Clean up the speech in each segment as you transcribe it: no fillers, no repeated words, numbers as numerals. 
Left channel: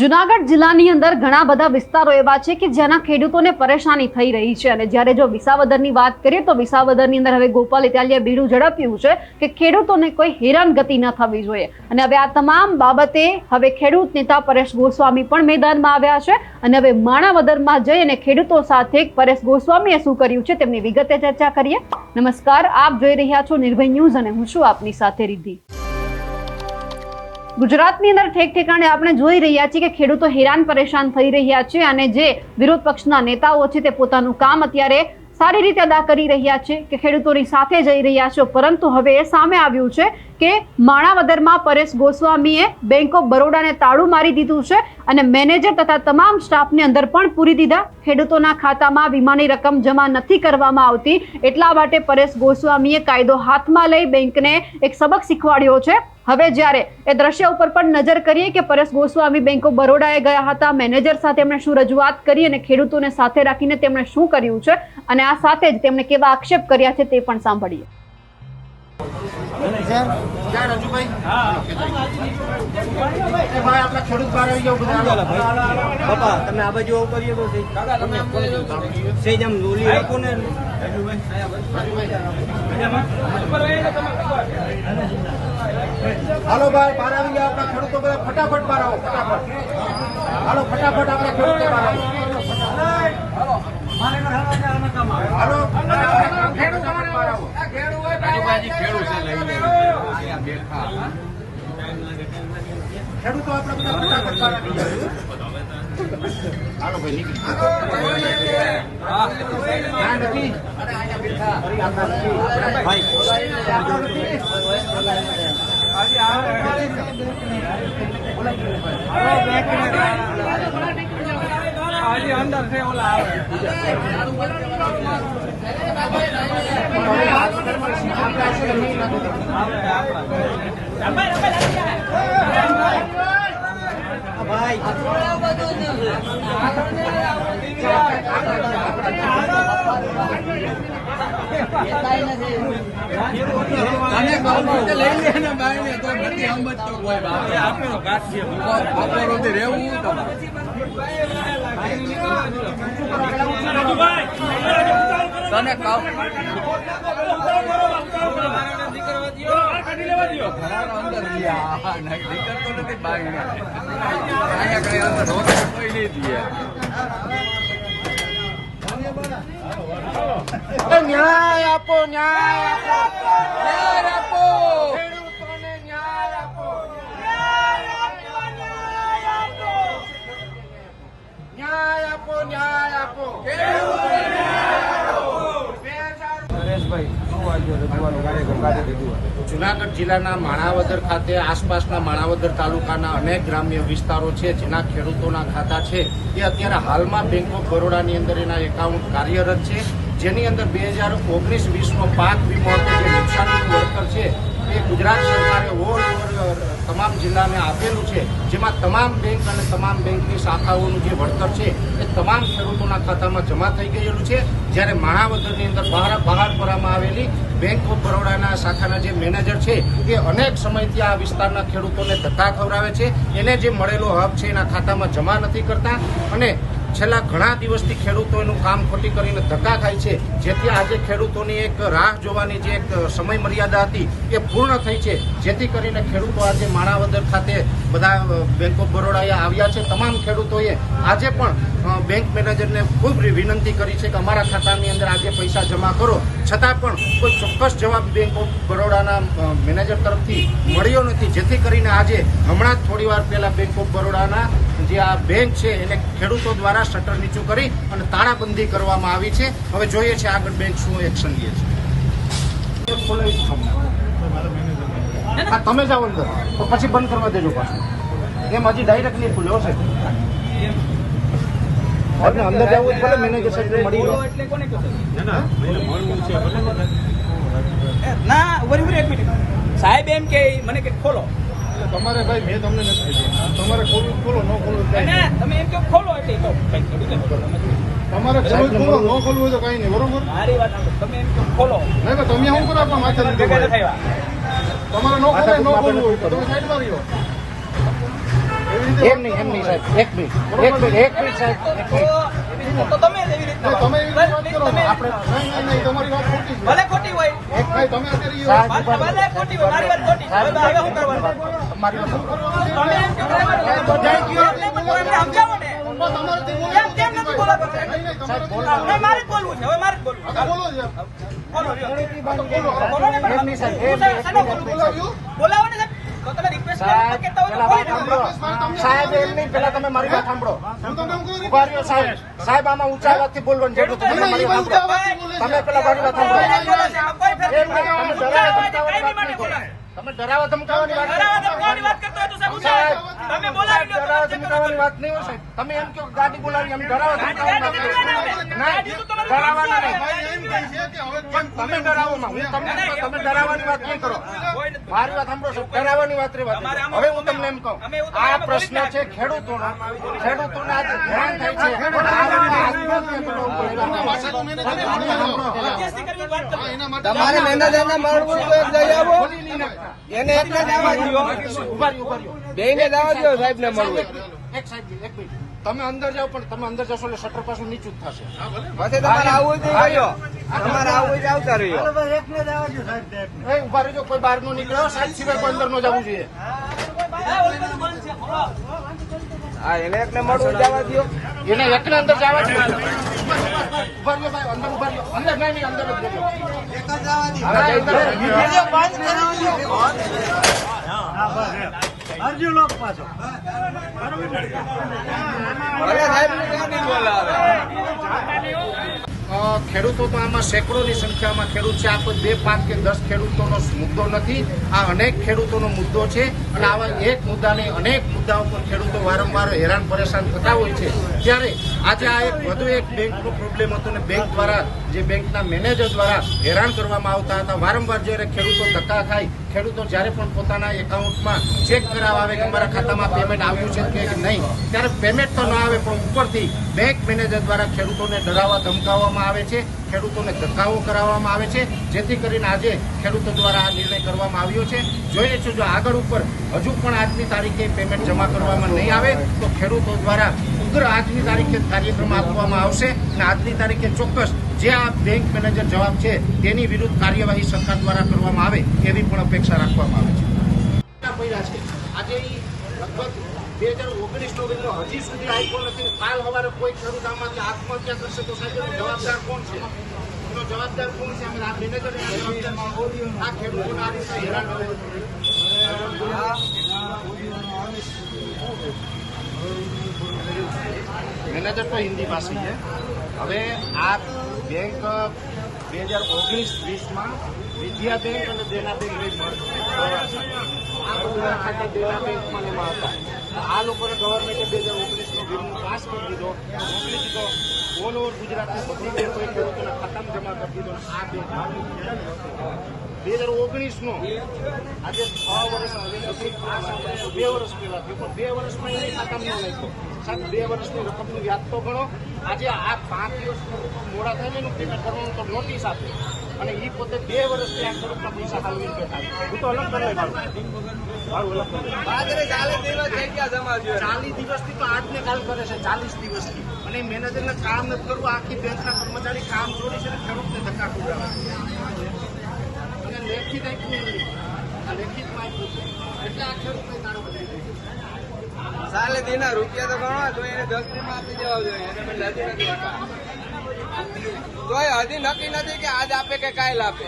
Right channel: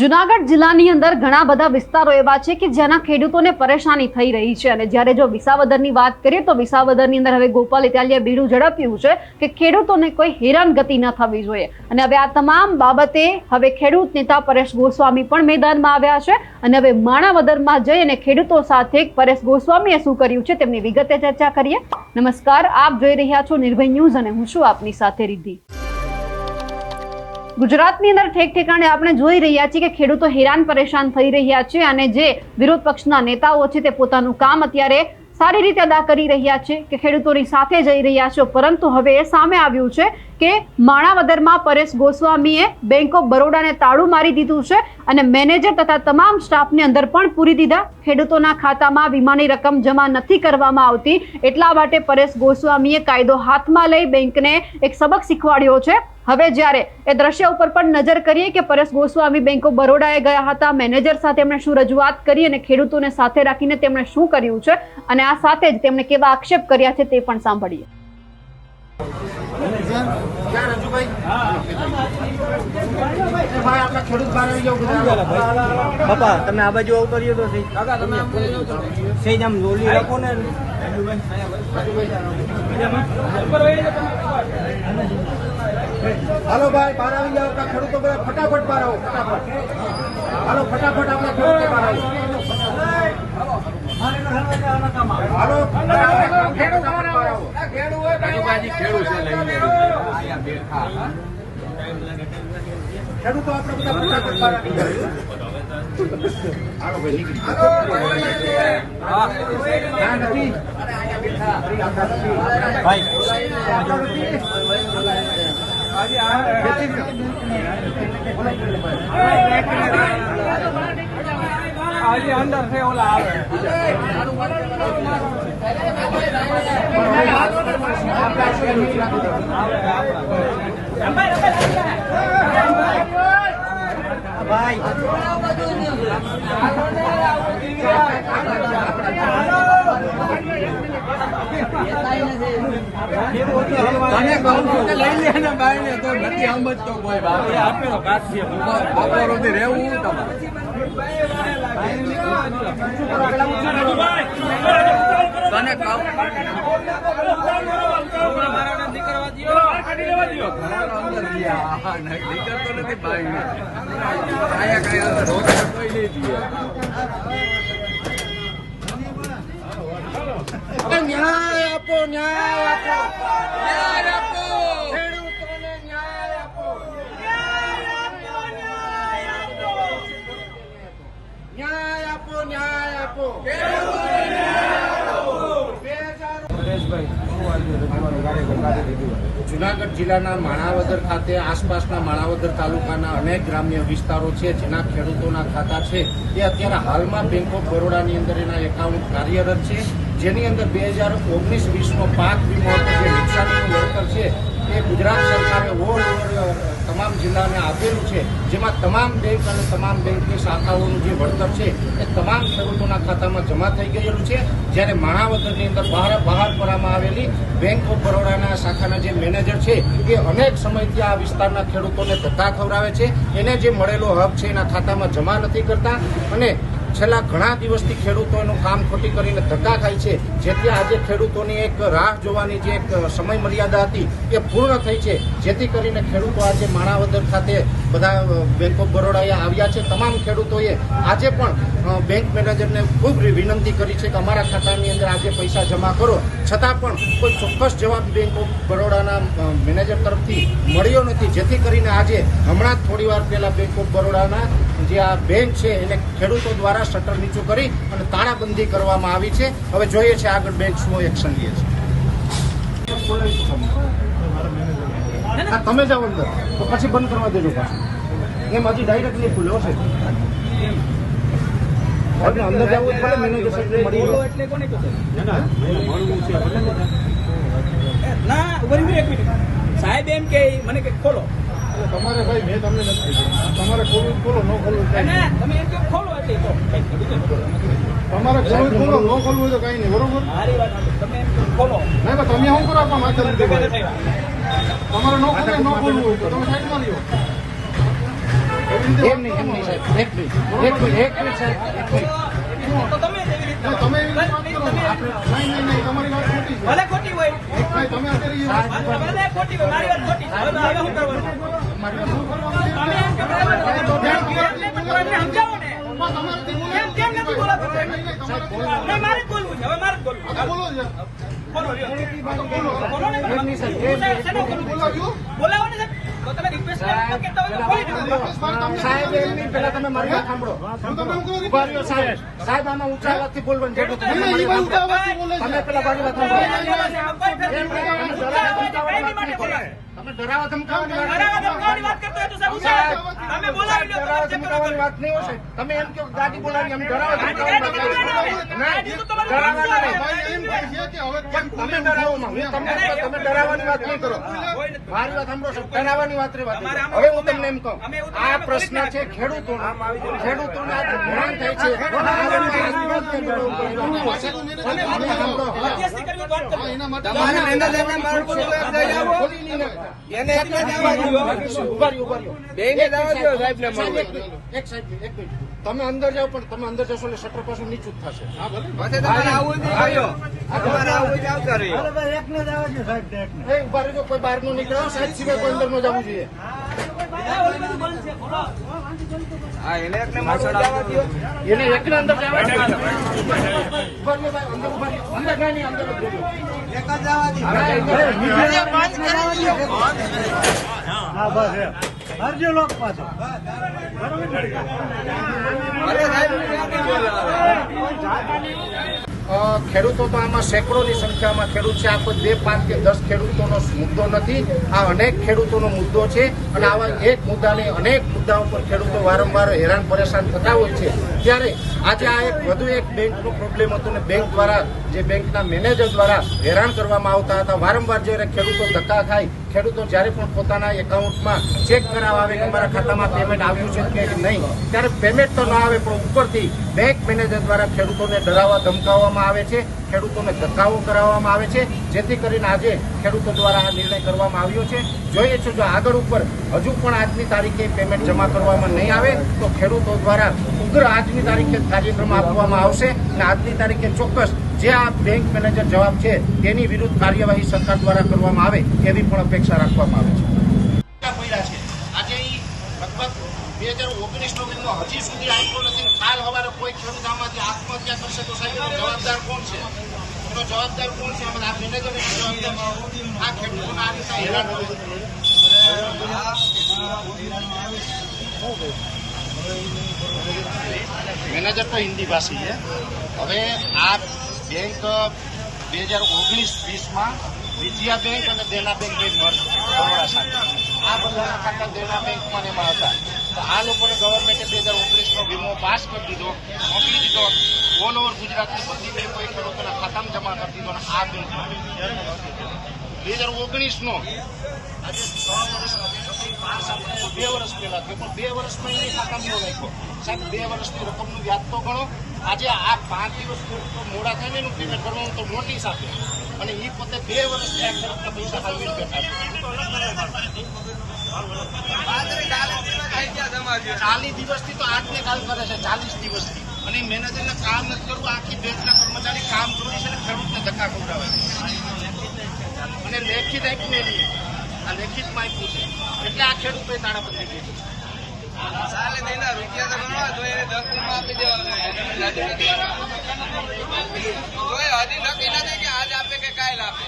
જુનાગઢ જિલ્લાની અંદર ઘણા બધા વિસ્તારો એવા છે કે જેના ખેડૂતોને પરેશાની થઈ રહી છે અને જ્યારે જો વિસાવદરની વાત કરીએ તો વિસાવદરની અંદર હવે ગોપાલ ઇટાલિયાએ બીડું ઝડપ્યું છે કે ખેડૂતોને કોઈ હેરાનગતિ ન થવી જોઈએ અને હવે આ તમામ બાબતે હવે ખેડૂત નેતા પરેશ ગોસ્વામી પણ મેદાનમાં આવ્યા છે અને હવે માણાવદરમાં જઈ અને ખેડૂતો સાથે પરેશ ગોસ્વામીએ શું કર્યું છે તેમની વિગતે ચર્ચા કરીએ। નમસ્કાર, આપ જોઈ રહ્યા છો નિર્ભય ન્યૂઝ અને હું છું આપની સાથે રિદ્ધિ। ગુજરાતની અંદર ઠેક ઠેકાણે આપણે જોઈ રહ્યા છીએ કે ખેડૂતો હેરાન પરેશાન થઈ રહ્યા છે અને જે વિરોધ પક્ષના નેતાઓ છે તે પોતાનું કામ અત્યારે સારી રીતે અદા કરી રહ્યા છે કે ખેડૂતોની સાથે જઈ રહ્યા છે, પરંતુ હવે એ સામે આવ્યું છે કે માણાવદરમાં પરેશ ગોસ્વામીએ બેંક ઓફ બરોડાને તાળું મારી દીધું છે અને મેનેજર તથા તમામ સ્ટાફને અંદર પણ પૂરી દીધા। ખેડૂતોના ખાતામાં વીમાની રકમ જમા નથી કરવામાં આવતી, એટલા માટે પરેશ ગોસ્વામીએ કાયદો હાથમાં લઈ બેંકને એક સબક શીખવાડ્યો છે। હવે જ્યારે એ દ્રશ્ય ઉપર પણ નજર કરીએ કે પરેશ ગોસ્વામી બેંક ઓફ બરોડાએ ગયા હતા, મેનેજર સાથે તેમણે શું રજૂઆત કરી અને ખેડૂતોને સાથે રાખીને તેમણે શું કર્યું છે અને આ સાથે જ તેમણે કેવા આક્ષેપ કર્યા છે તે પણ સાંભળીએ। હાલો ભાઈ, બહાર આવી ગયા આપણા ખેડૂતો બધા ફટાફટ બહાર આવો, ફટાફટ હાલો, ફટાફટ આપણા ખેડૂતો બહાર આવો, હાલો ફટાફટ બહાર આવો। ખેડૂતો આપણે બધા ફટાફટ બહાર આવી ગયા। હાલો ભાઈ, નીકળી નથી અંદર છે ઓલા ન્યાય આપો, ન્યાય આપો, ન્યાય આપો, ખેડૂતોને ન્યાય આપો, ન્યાય આપો, ન્યાય આપો, જુનાગઢ જિલ્લાના માણાવદર ખાતે આસપાસના માણાવદર તાલુકાના અનેક ગ્રામ્ય વિસ્તારો છે જેના ખેડૂતોના ખાતા છે તે અત્યારે હાલમાં બેંક ઓફ બરોડાની અંદર એના એકાઉન્ટ કાર્યરત છે, જેની અંદર 2019-20નો પાક વીમો હતો જે નુકસાનીનું વળતર છે એ ગુજરાત સરકારે ઓલ ઓવર તમામ જિલ્લાને આપેલું છે, જેમાં તમામ બેંક અને તમામ બેંકની શાખાઓનું જે વળતર છે એ તમામ ખેડૂતોના ખાતામાં જમા થઈ ગયેલું છે। જ્યારે માણાવદરની અંદર બહાર કરવામાં આવેલી બેંક ઓફ બરોડાના શાખાના જે મેનેજર છે એ અનેક સમયથી આ વિસ્તારના ખેડૂતોને ધક્કા ખવડાવે છે, એને જે મળેલો હક છે એના ખાતામાં જમા નથી કરતા અને છેલ્લા ઘણા દિવસથી ખેડૂતો એનું કામ ખોટી કરીને ધક્કા ખાય છે, જેથી આજે ખેડૂતોની એક રાહ જોવાની જે એક સમય મર્યાદા હતી એ પૂર્ણ થઈ છે, જેથી કરીને ખેડૂતો આજે માણાવદર ખાતે બધા બેંક ઓફ બરોડાએ આવ્યા છે। તમામ ખેડૂતોએ આજે પણ બેંક મેનેજરને ખૂબ વિનંતી કરી છે કે અમારા ખાતાની અંદર આજે પૈસા જમા કરો, છતાં પણ કોઈ ચોક્કસ જવાબ બેંક ઓફ બરોડાના મેનેજર તરફથી મળ્યો નથી, જેથી કરીને આજે હમણાં જ થોડી વાર પહેલા બેંક ઓફ બરોડાના જે આ બેંક છે એને ખેડૂતો દ્વારા શટર નીચું કરી અને તાળાબંધી કરવામાં આવી છે। હવે જોઈએ છે આગળ બેંક શું એક્શન લે છે। તમે જાઓ અંદર તો પછી બંધ કરવા દેજો પાછું, એમ હજી ડાયરેક્ટ નહીં ખુલ્યો છે, અંદર જવું ભલે મેનેજર સાહેબ મળી લો એટલે કોને ના મળવું છે ના એક મિનિટ સાહેબ એમ કે મને કે ખોલો તમારે ભાઈ મેં તમને નથી કીધું તમારે ખોલવું ખોલો ન ખોલવું તમે એમ કે ખોલો એટલે તમારે ખોલવું ખોલો ન ખોલવું તો કઈ નહીં બરોબર મારી વાત તમે એમ કે ખોલો નહીં તમે શું કરો આપણા માથે તમારે ન ખોલે ન ખોલવું હોય તો તમે સાઈડ માં રહ્યો એમ નહીં સાહેબ, એક મિનિટ સાહેબ, એક મિનિટ. તો તમે જ એવી રીતના તમે એવી વાત કરો છો. આપણે નહીં, તમારી વાત ખોટી છે. ભલે ખોટી હોય ભાઈ, તમે અત્યારે એ વાત ભલે ખોટી હોય મારી વાત ખોટી છે. હવે શું કરવાનું? શું કરવાનું છે? તમે એમ કે સમજાવો ને. તમારાથી બોલો. કેમ નથી બોલાતો? નહીં, તમારે હવે મારે જ બોલવું છે. હવે મારે જ બોલવું છે. હા, બોલો છે. બોલો લ્યો. બોલો ને તમે. હું શેનો બોલું? બોલાવ્યું? બોલાવો ને સાહેબ. તો તમે રિક્વેસ્ટ કરો તો કહેતા હોય તો બોલી નાખો. ભાઈ, તમને સાહેબ એમ નહીં, પહેલા તમે મારી વાત સાંભળો. હું તમને એવું કહું ઉભા રહ્યો સાહેબ. સાહેબ આમાં ઊંચા અવાજથી બોલવાનું જરૂર નથી. નહીં, એ ભાઈ ઊંચા અવાજથી બોલે છે. તમે પેલા મારી વાત સાંભળો. તમે ડરાવા ધમકાવાની વાત કરતો હોય તો સાહેબ તમે બોલાવી લો. ડરાવા ધમકાવાની વાત નહીં હોય સાહેબ. તમે એમ કહો કે ગાડી બોલાવી, અમે ડરાવા ધમકાવાની વાત કરીએ. ના, ડરાવવાના નહીં. ભાઈ, એમ કહે છે કે હવે કેમ તમે ડરાવોમાં. તમે ડરાવવાની વાત નહીં કરો. મારી વાત સાંભળો સાહેબ, ડરાવવાની વાત રહેવા દો. હવે હું તમને એમ કહું, આ પ્રશ્ન છે ખેડૂતોનો. ખેડૂતોના જે ધ્યાન થાય છે, આ લોકોને આત્મહત્યા કરવું પડે. હા, એના માટે એક મિનિટ. તમે અંદર જાઓ, પણ તમે અંદર જશો એટલે શટર પાછું નીચું જ થશે. એ ઉભા રહેજો, કોઈ બહાર નો નીકળ્યો, સાહેબ સિવાય કોઈ અંદર નો જવું જોઈએ. એને એકલે અંદર જવા દો. ઉભા રહ્યો ભાઈ, અંદર ઉભા રહ્યો. અંદર નહીં, અંદર જ રહ્યો. ખેડૂતો તો આમાં સેંકડોની સંખ્યામાં ખેડૂત છે. આ કોઈ 2, 5 કે 10 ખેડૂતોનો મુદ્દો નથી. આ અનેક ખેડૂતોનો મુદ્દો છે. અને આવા એક મુદ્દા નહીં, અનેક મુદ્દાઓ પર ખેડૂતો વારંવાર હેરાન પરેશાન થતા હોય છે. ત્યારે આજે આ એક વધુ એક બેંકનો પ્રોબ્લેમ હતો ને બેંક દ્વારા, જે બેંકના મેનેજર દ્વારા હેરાન કરવામાં આવતા હતા. વારંવાર જ્યારે ખેડૂતો ધક્કા ખાય, ખેડૂતો જ્યારે પણ પોતાના એકાઉન્ટમાં ચેક કરાવવા આવે કે અમારા ખાતામાં પેમેન્ટ આવ્યું છે કે નહીં, ત્યારે પેમેન્ટ તો ન આવે, પણ ઉપરથી બેંક મેનેજર દ્વારા ખેડૂતોને ડરાવવા ધમકાવવામાં આવે છે, ખેડૂતોને ધક્કાઓ કરાવવામાં આવે છે, જેથી કરીને આજે ખેડૂતો દ્વારા આ નિર્ણય કરવામાં આવ્યો છે. જોઈએ છે, જો આગળ ઉપર હજુ પણ આજની તારીખે પેમેન્ટ જમા કરવામાં નહીં આવે તો ખેડૂતો દ્વારા ઉગ્ર આજની તારીખે કાર્યક્રમ આપવામાં આવશે. અને આજની તારીખે ચોક્કસ જે આ બેંક મેનેજર જવાબ છે તેની વિરુદ્ધ કાર્યવાહી સરકાર દ્વારા કરવામાં આવે એવી પણ અપેક્ષા રાખવામાં આવે છે. આજે લગભગ 2019 નો વીમો હજી સુધી આપ્યો નથી. કાલ સવારે કોઈ ખેડૂત આમાંથી આત્મહત્યા કરશે તો સાહેબ એનો જવાબદાર કોણ છે? એનો જવાબદાર કોણ છે? આ મેનેજર એના જવાબદાર આ ખેડૂતોને આ રીતે હેરાન કરે. મેનેજર તો હિન્દી ભાષી છે. હવે આ બેંક 2019-20માં વિજયા બેંક અને દેના બેંક બે મર્જ થઈ બરોડા સાથે. આ બધાના ખાતા દેના બેંકમાં એમાં હતા. તો આ લોકોને ગવર્મેન્ટે 2019નો વીમો પાસ કરી દીધો, મોકલી દીધો. ઓલ ઓવર ગુજરાતની બધી બેંકોએ ખેડૂતોના ખાતામાં જમા કરી દીધો. અને આ બેંક 2019નો આજે 6 વર્ષ પાસ આપણે 2 વર્ષ પહેલા થયો, પણ 2 વર્ષમાં એની ખાતામાં ન નાખ્યો. સાહેબ 2 વર્ષની રકમનું વ્યાજ તો ગણો. આજે આ 5 દિવસ ખેડૂતો મોડા થઈને એનું પેમેન્ટ કરવાનું તો નોટિસ આપે, અને એ પોતે 2 વર્ષથી આ ખેડૂતના પૈસા હાલવી બેઠા છે. 40 દિવસથી તો આજને કાલ કરે છે, 40 દિવસથી. અને મેનેજરને કામ નથી કરવું, આખી બેંકના કર્મચારી કામ જોડી છે ને ખેડૂતને ધક્કા ખવડાવે છે. અને લેખિત આપ્યું એની, આ લેખિતમાં આપ્યું છે, એટલે આ ખેડૂતોએ તાળાબંધી કરી છે. હજી નક્કી નથી કે આજ આપે કે કાલ આપે.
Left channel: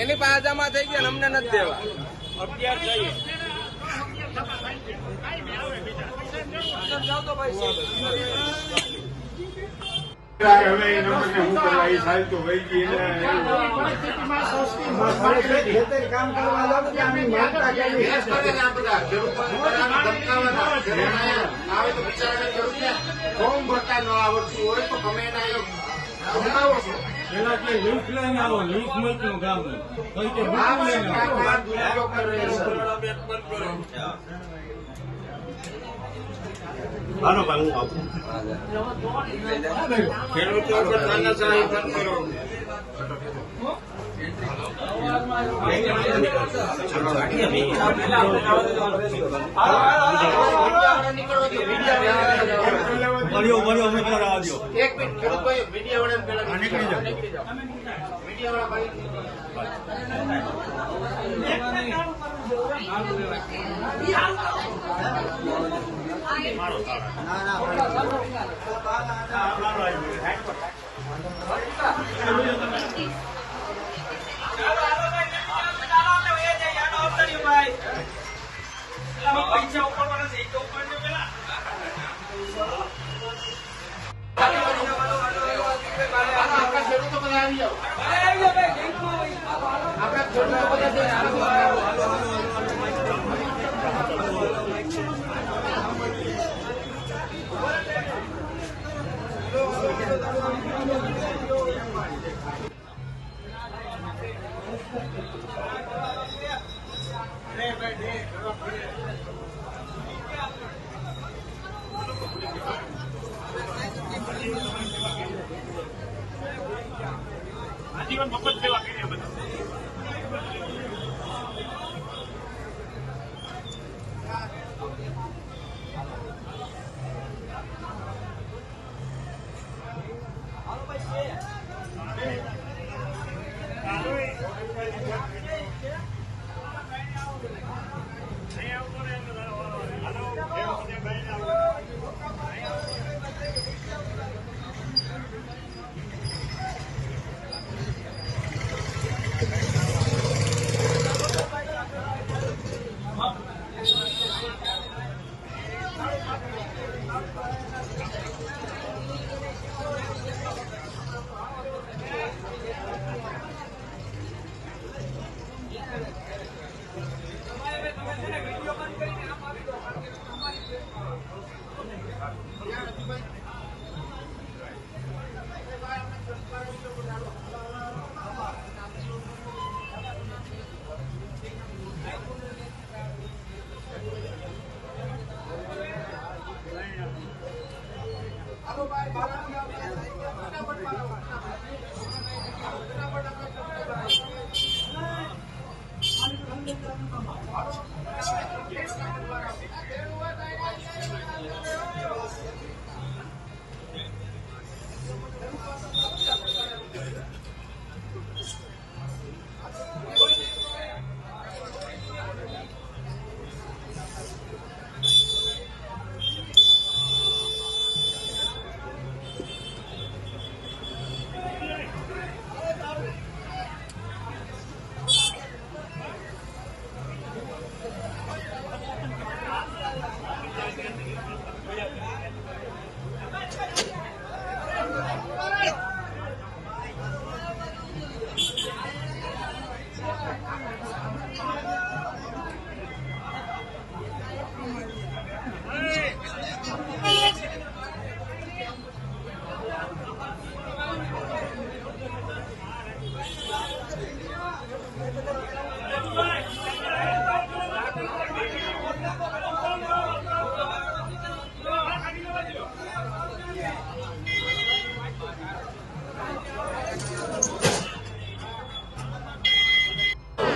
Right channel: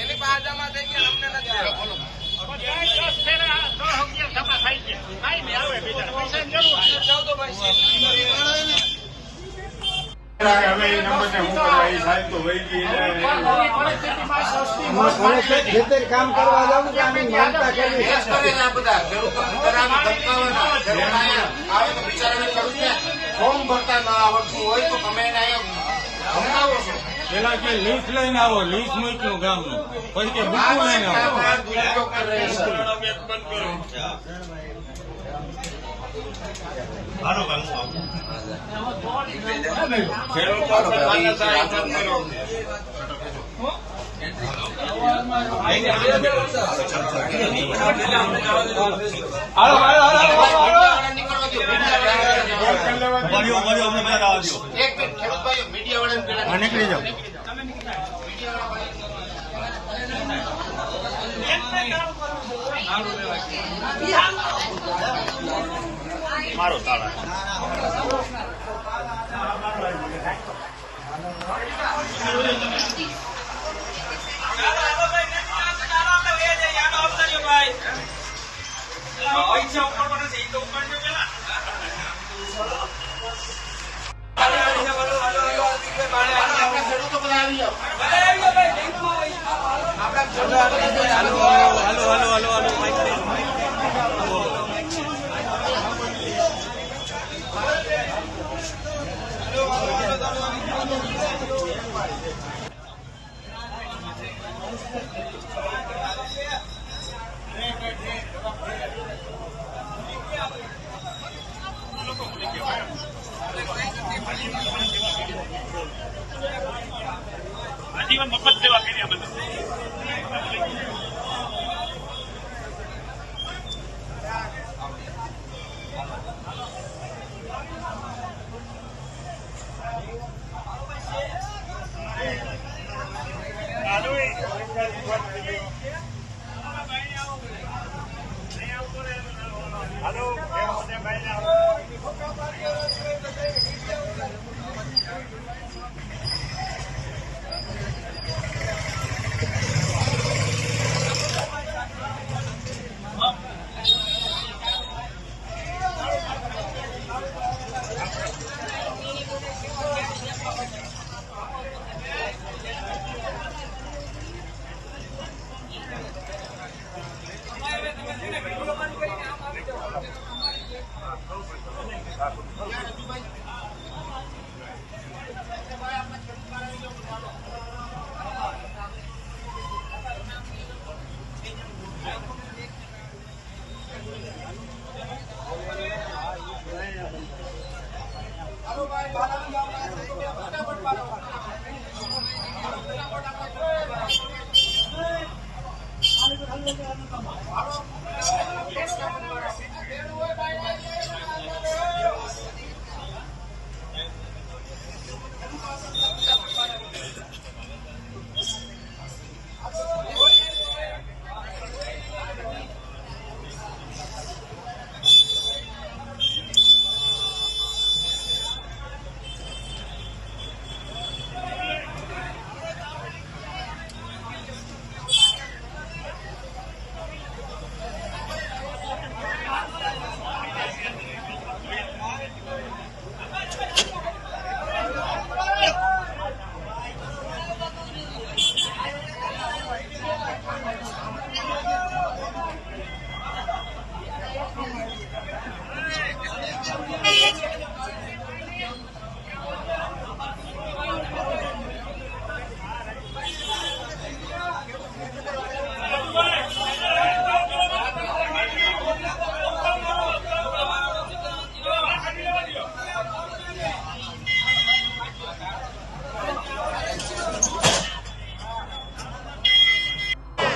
એની પાસે જમા થઈ ગયો અમને નથી કામ કરવા ફોર્મ ભરતા ના આવડતું હોય તો તમે એને ધમકાવો છો. પેલા કે લીસ લઈને આવો, લીસ મોકલું ગામનું, પછી કે બુકું લઈને આવો. ખેડૂતો નીકળો ભર્યો અમને પેલા જવા દો. એક મિનિટ ખેડૂત ભાઈઓ મીડિયા વાળાને પેલા હા, નીકળી જાઓ. ખેડૂતો બધા આવી જાઓ. આજીવન મફત સેવા કરી અમે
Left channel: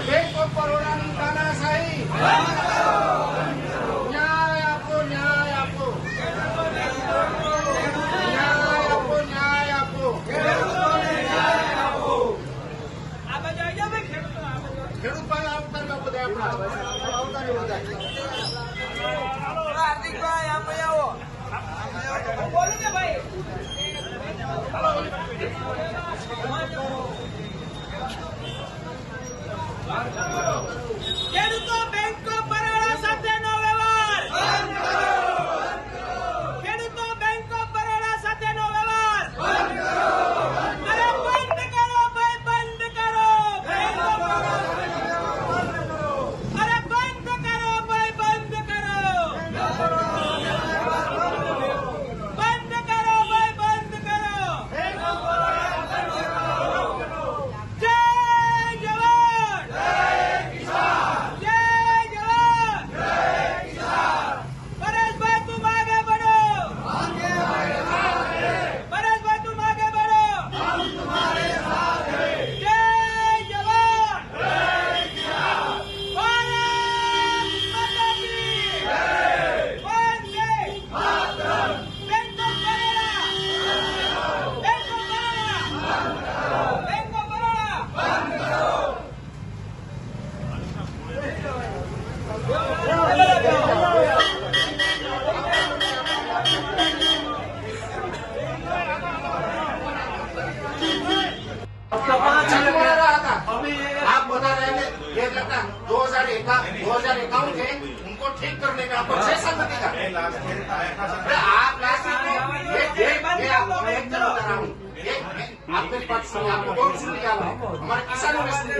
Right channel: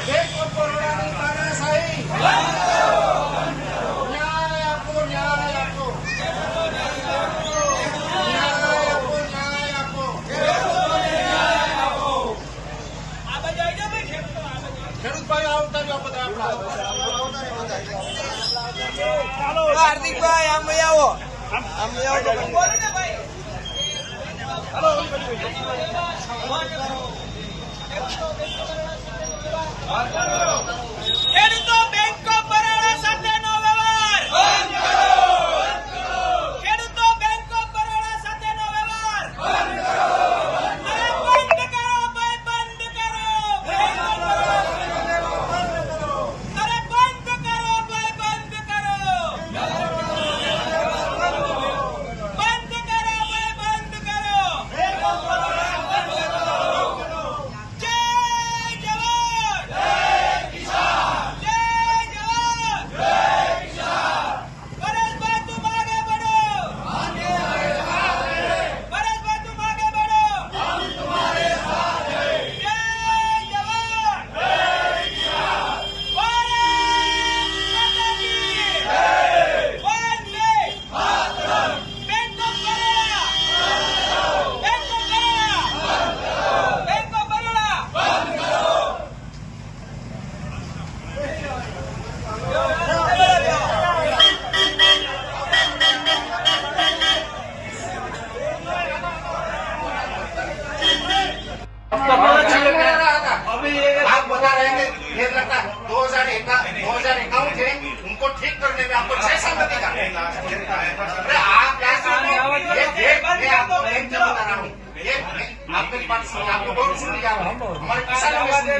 બેંક ઓફ બરોડાની તાનાશાહી. ન્યાય આપો, ન્યાય આપો. ન્યાય આપો, ન્યાય આપો. ખેડૂત ભાઈઓ આવતા રહ્યો બધા આપણા. હાર્દિકભાઈ આમ લઈ આવો ખેડૂતો બેંક ઓફ બરોડા સાથેનો વ્યવહાર ખેડૂતો બેંક ઓફ બરોડા સાથેનો વ્યવહાર અરે બંધ કરો ભાઈ, બંધ કરો. અરે બંધ કરો ભાઈ, બંધ કરો. બંધ કરો ભાઈ, બંધ કરો. જય જવાન, જય एक मिनट बता रहा हूँ। आपकी बात सुनिए, आपकी बहुत सुनिए आपने, हमारे किसानों ने सुनी।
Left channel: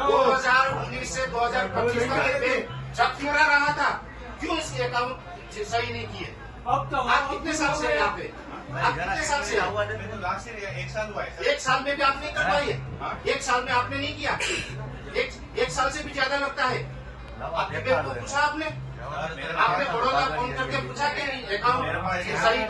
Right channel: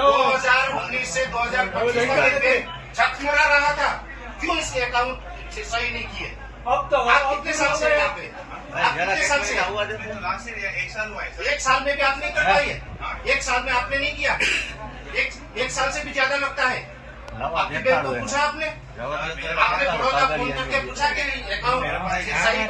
2019 से 2025 तक ये झकमरा रहा था, क्यों इसके अकाउंट सही नहीं किए? अब तो आप कितने साल से यहाँ पे? आप कितने साल से? एक साल में भी आप नहीं कर पाए, एक साल में आपने नहीं किया, एक साल से भी ज्यादा लगता है। आपकी बैंक को पूछा आपने बड़ौदा फोन करके पूछा कि नहीं अकाउंट सही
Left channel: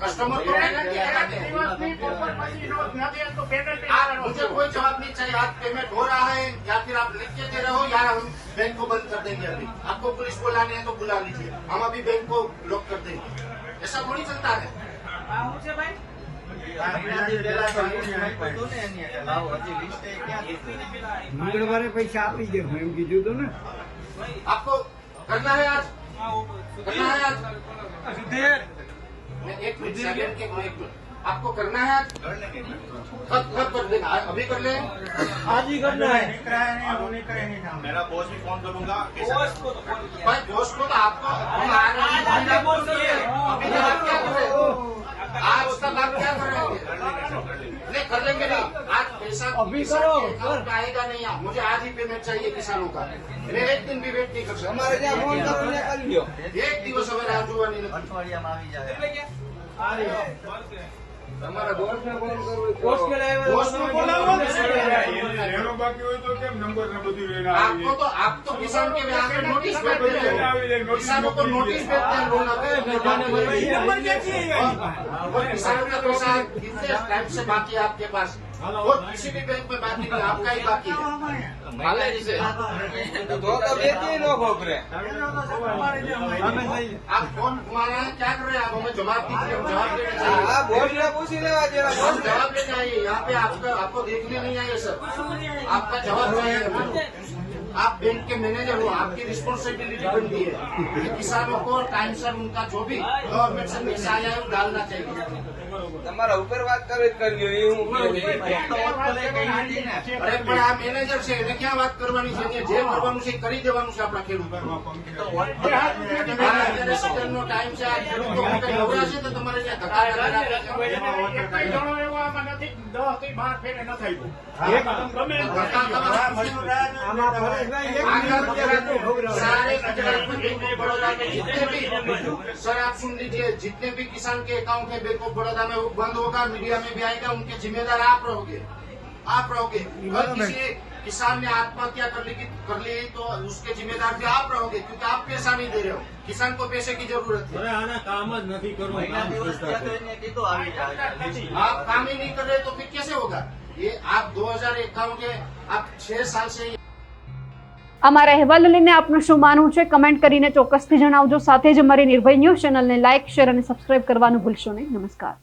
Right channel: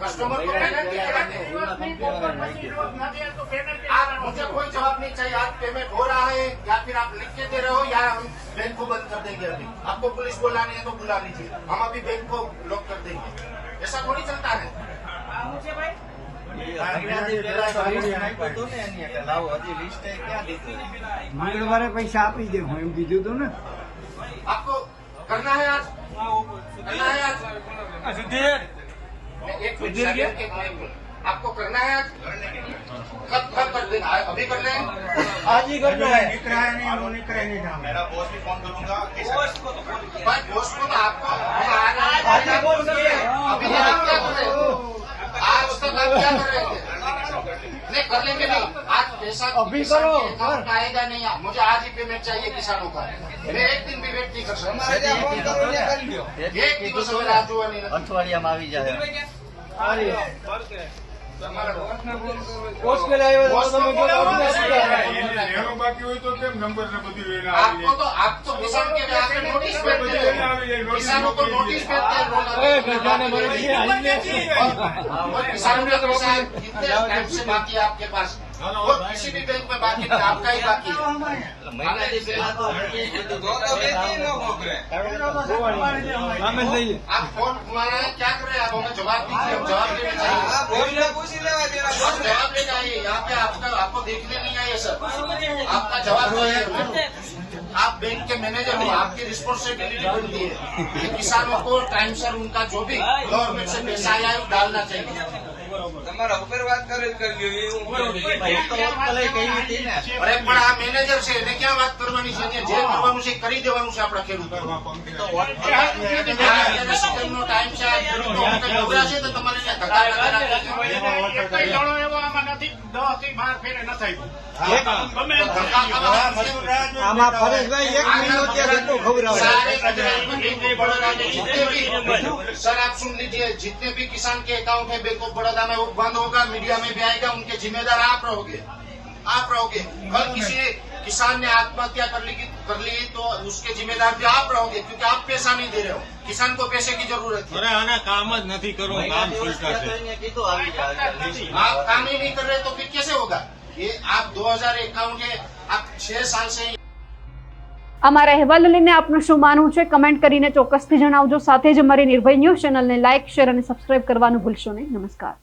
कस्टमर को मुझे कोई जवाब नहीं चाहिए। आज पेमेंट हो रहा है या फिर आप लिख के दे रहे हो या हम बैंक को बंद कर देंगे। अभी आपको पुलिस बुलानी है तो बुला लीजिए, हम अभी बैंक को लॉक कर देंगे। ऐसा थोड़ी चलता है। મંગળવારે પૈસા આપી દે હું એમ કીધું હતું ને आपको करना है आज, करना है आज। मैं एक मिनट, आपको करना है आज, कब कर देगा? अभी करना है, आज ही करना है मेरा बॉस भी फोन करूंगा। भाई दोस्त को तो आपको आज ही बोल सकते अभी तक आप क्या कर रहे हो? आज तक आप क्या कर रहे थे? नहीं कर लेंगे नहीं, आज पैसा अभी करो। अकाउंट में आएगा नहीं। मुझे आज ही पेमेंट चाहिए किसानों का। मैं एक दिन भी वेट नहीं कर सकता। एक दिवस अगर राह જોવાની નથી। અઠવાડિયામાં આવી જાય પોસ્ટ પેલા આવ્યો પોસ્ટ તમે બોલાવો ને। લેવાનું બાકી હોય તો કેમ નંબર ને બધું લઈને આવી आपको तो आप तो किसान के यहाँ पे नोटिस भेजते हो, किसानों को नोटिस भेजते हैं लोन और किसानों का पैसा कितने टाइम से बाकी है आपके पास? और किसी भी बैंक में बाकी नहीं, आपका ही बाकी है। आप फोन घुमाना है, क्या कर रहे हैं आप? हमें जवाब दीजिए, हम जवाब देना चाहिए। हम जवाब देना है, यहाँ पे आपको देखने नहीं आए सर, आपका जवाब चाहिए हमें। आप बैंक के मैनेजर हो, आपकी रिस्पॉन्सिबिलिटी बनती है कि किसानों को टाइम से उनका जो भी गवर्नमेंट से पैसा आया है वो डालना चाहिए। અરે પણ આ મેનેજર છે એને ક્યાં વાત કરવાની છે? જે કરવાનું છે એ કરી દેવાનું છે આપણા ખેડૂતો। નો ટાઈમ છે, આ ખેડૂતો કઈ નવરા છે તો તમારે ત્યાં ધક્કા વગેરે કઈ જણો એવો આમાં નથી, 10 થી 12 ફેરે નથી આમાં પરેશભાઈ એક મિનિટ કે ખબર सारे गुजरात में बैंक ऑफ बड़ौदा में जितने भी सर आप सुन लीजिए, जितने भी किसान के अकाउंट है बैंक ऑफ बड़ौदा में वो बंद होगा, मीडिया में भी आएगा, उनके जिम्मेदार आप रहोगे। कल किसी किसान ने आत्महत्या कर ली तो उसके जिम्मेदार भी आप रहोगे, क्योंकि आप पैसा नहीं दे रहे हो। किसान को पैसे की जरूरत है। અરે આના કામ જ નથી કરવું, કામ છોડતા છે। आप काम ही नहीं कर रहे तो फिर कैसे होगा? ये आप 2051 के आप 6 साल से અમારા અહેવાલ લઈને આપનું શું માનવું છે કમેન્ટ કરીને ચોક્કસથી જણાવજો। સાથે જ અમારી નિર્ભય ન્યૂઝ ચેનલને લાઇક, શેર અને સબસ્ક્રાઇબ કરવાનું ભૂલશો નહીં। નમસ્કાર।